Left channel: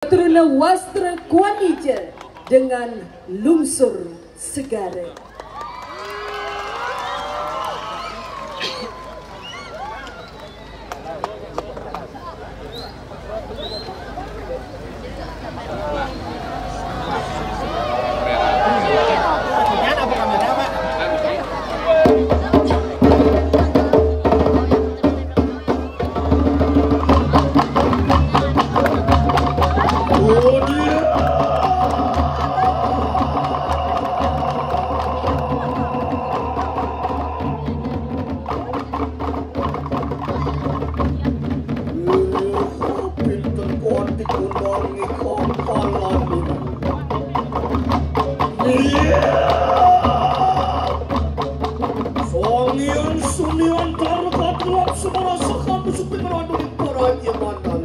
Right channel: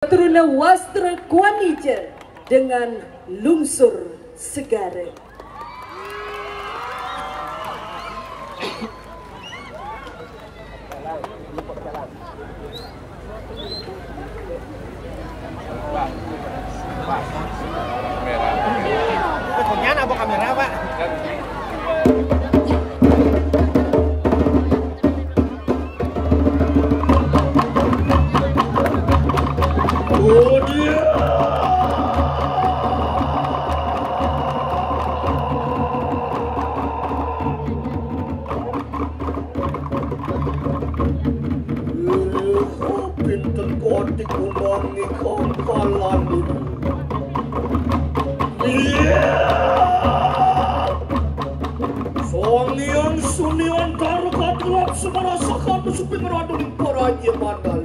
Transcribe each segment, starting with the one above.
Turuna Wastra Kuanija dengan Lungsur Segara. Pak, kamera. Pekerjaan apa kamera, Pak? Sunian tarukatulak semua sekat sepi berada di Praja Mandal.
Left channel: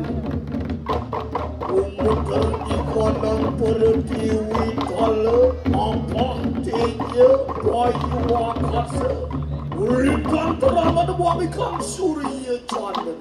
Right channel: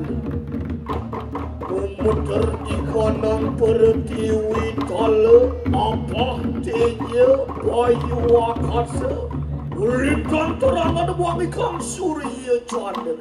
Umutar ikonang pertiwi tala apa teja bayu wakasa. Urikan terang ada buang ikan surya chandra.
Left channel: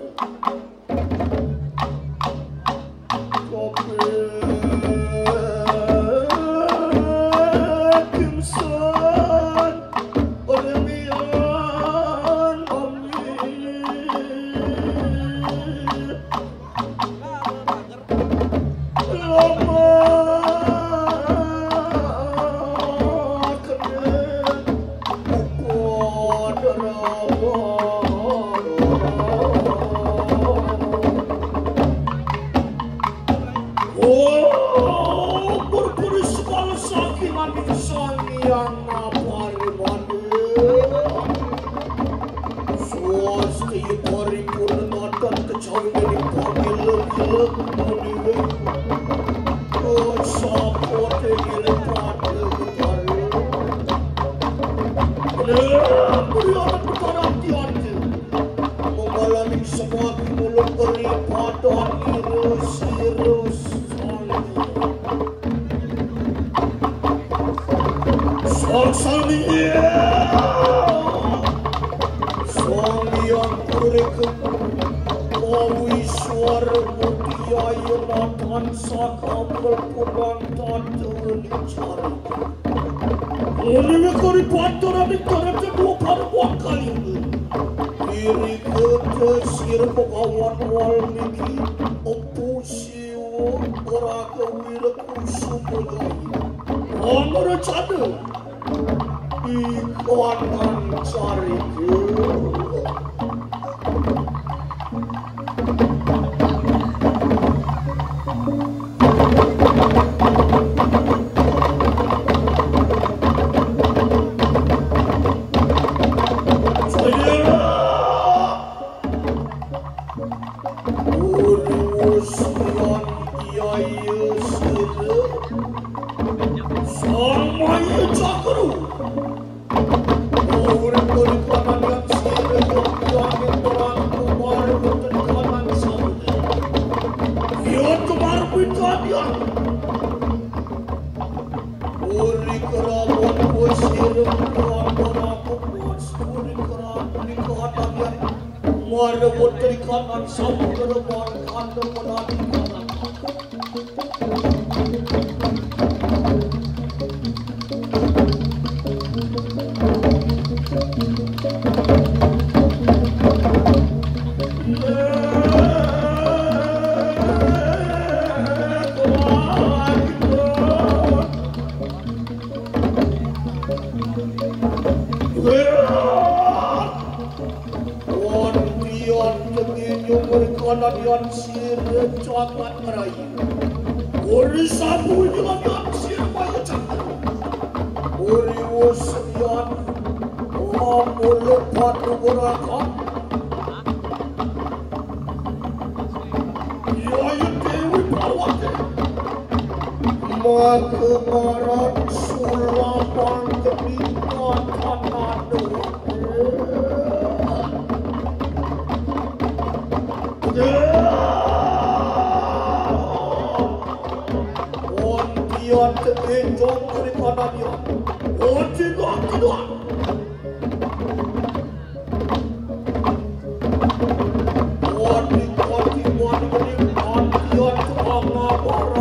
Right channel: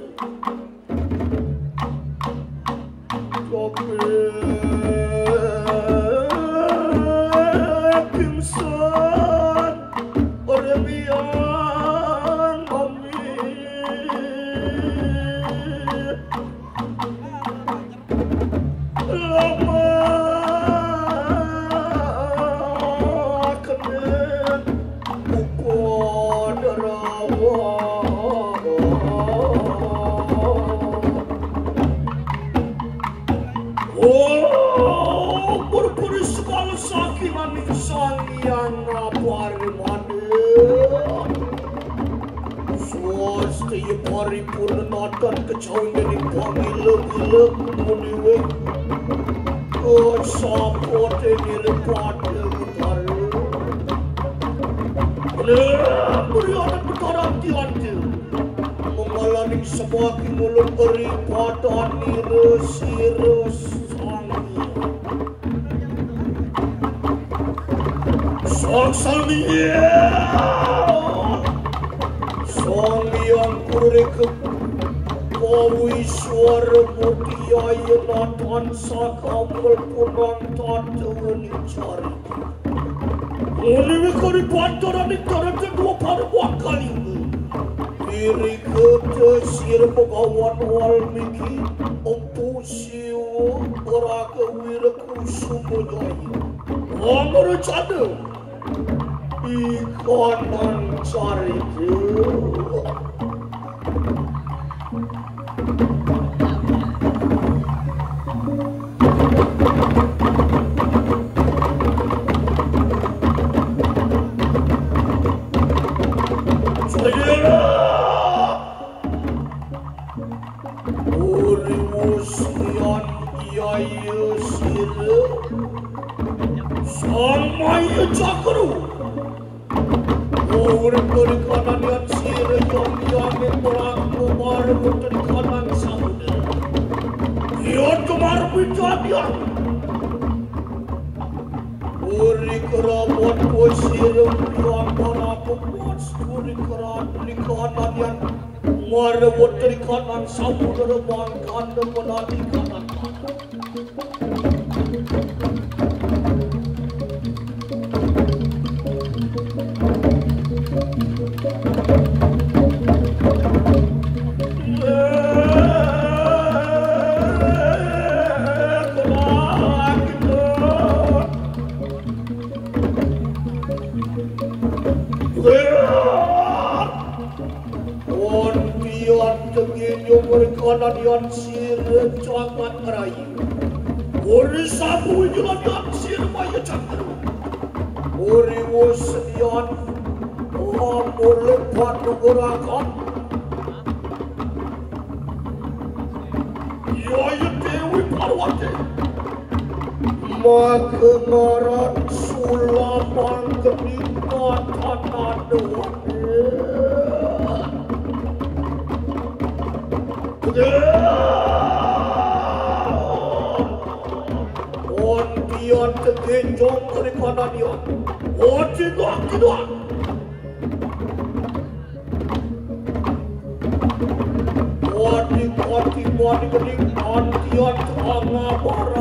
Wadi wadi wadi wadi, antian sama baru.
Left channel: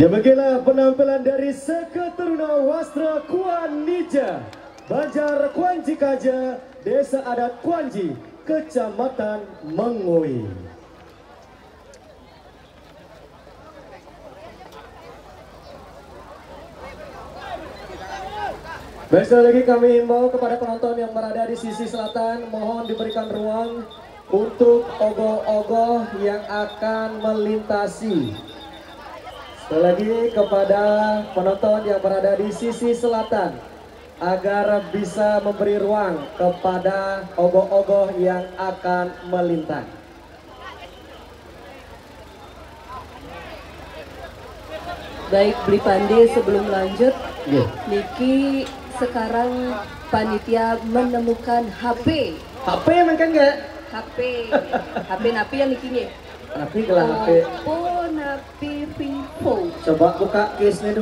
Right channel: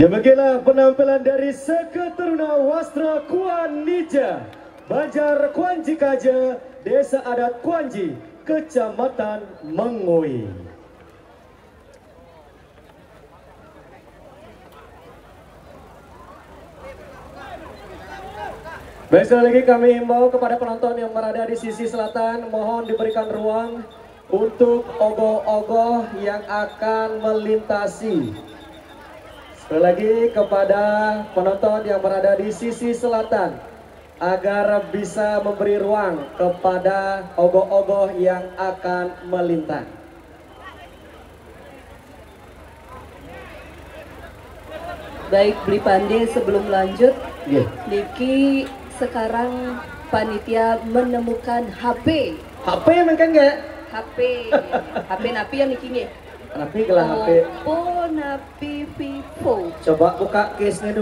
Demikianlah penampilan dari Seketeruna Wastra Kuanija, Banjar Kuanji Kaja, Desa Adat Kuanji, Kecamatan Mengui. Baik, sekali lagi kami himbau kepada penonton yang berada di sisi selatan, mohon diberikan ruang untuk ogoh-ogoh yang akan melintasi. Sekali lagi kepada penonton yang berada di sisi selatan, agar bisa memberi ruang kepada ogoh-ogoh yang akan melintas. Baik, Bli Pandi, sebelum lanjut, Niki sekarang panitia menemukan HP. HP makan nggak? HP napi ya Nikinya. Napi gelang HP. Oppo Napi Vivo. Coba buka case-nya dulu.